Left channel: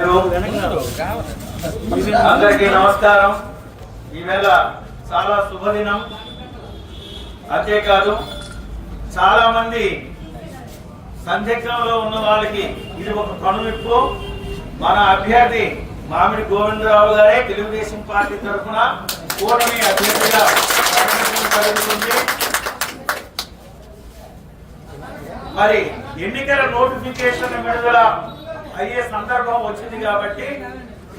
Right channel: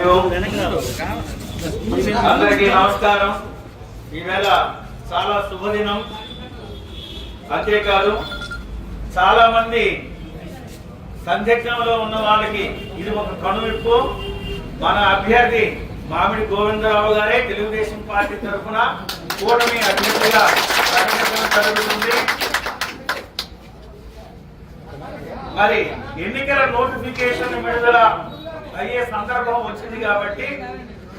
అందరికీ నమస్కారం. ఈవేళ చాలా శుభదినం. అంతేకాదు చాలా మంది సందిగ్ధంలో ఉన్న వాళ్ళకి ఇది ఒక కనువిప్పు. మన అభ్యర్థి మామిడి గోవిందరావు గారే తెలుగుదేశం పార్టీ తరఫున కూటమి అభ్యర్థిగా ప్రకటించడం జరుగుతుంది. మరి ఎన్నికల నోటిఫికేషన్ విడుదల అయ్యే సందర్భం వచ్చింది కాబట్టి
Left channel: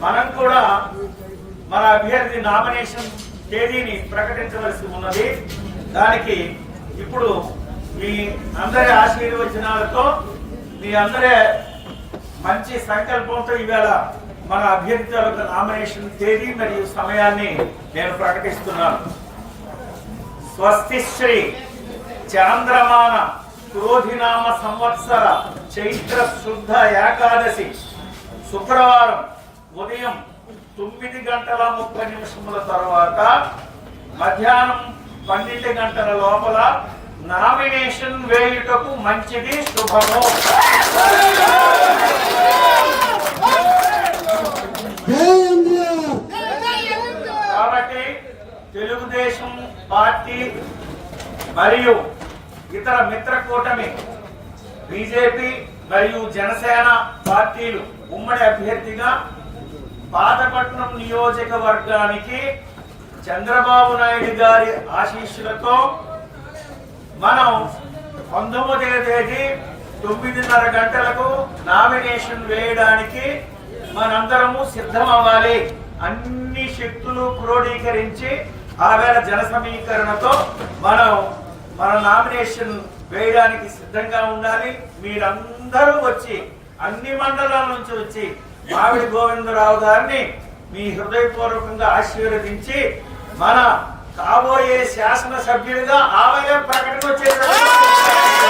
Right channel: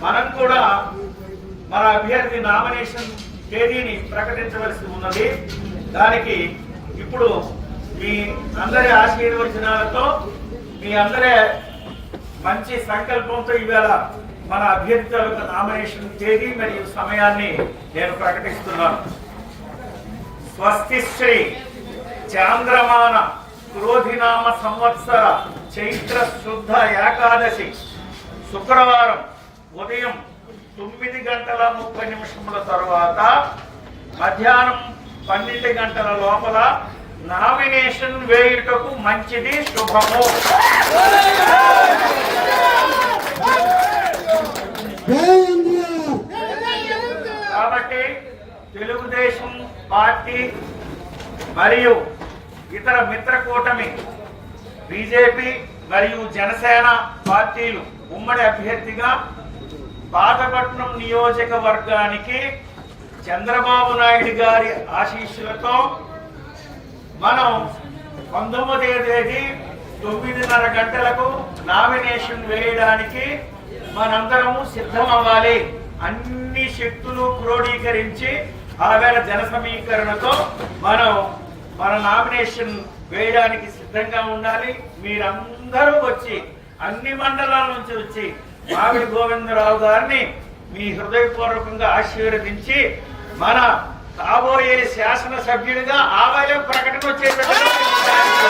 మనం కూడా మన అభ్యర్థి నామినేషన్ తేదీని ప్రకటించవలసి ఉన్నది. దానికి ఇప్పుడు మీ అందరి ఆశీర్వచనాలతో మీ అందరి మంచి సంకల్పంతో ఈవేళ మన అభ్యర్థి నామినేషన్ తేదీ మరియు సమయాన్ని నేను ప్రకటిస్తున్నాను. స్వస్తి శ్రీ చాంద్రమాన క్రోధినామ సంవత్సర చైత్ర శుద్ధ ఏకాదశి శుక్రవారం ఉదయం 9:30 తర్వాత మధ్యాహ్నం 12 గంటల లోపల నామినేషన్ వేయుటకు మంచిది, శుభము. కాబట్టి తెలుగుదేశం పార్టీ మరియు ఇతర మిత్ర కూటమి బీజేపీ మరియు జనసేన పార్టీలు ఉమ్మడి అభ్యర్థిగా పాతపట్నం నియోజకవర్గానికి చంద్రబాబు నాయుడు గారి ఆశీస్సులతో మనం 19వ తేదీ 9:30 గంటలకు నామినేషన్ వేయడానికి మనందరము సిద్ధం అవ్వాలి. అన్ని శక్తులు క్రోడీకరించి ఆవేళ జన సమీకరణతో మనం మన నామినేషన్ వేయడానికి సిద్ధంగా ఉండాలి. మీరందరూ వచ్చి అన్ని మండలాల నుంచి వచ్చి మామిడి గోవిందరావు గారిని మీ హృదయపూర్వకంగా ఆశీర్వదించి మన కాబోయే శాసనసభ్యుడిగా ఆవేళ ప్రకటన వచ్చేటప్పుడు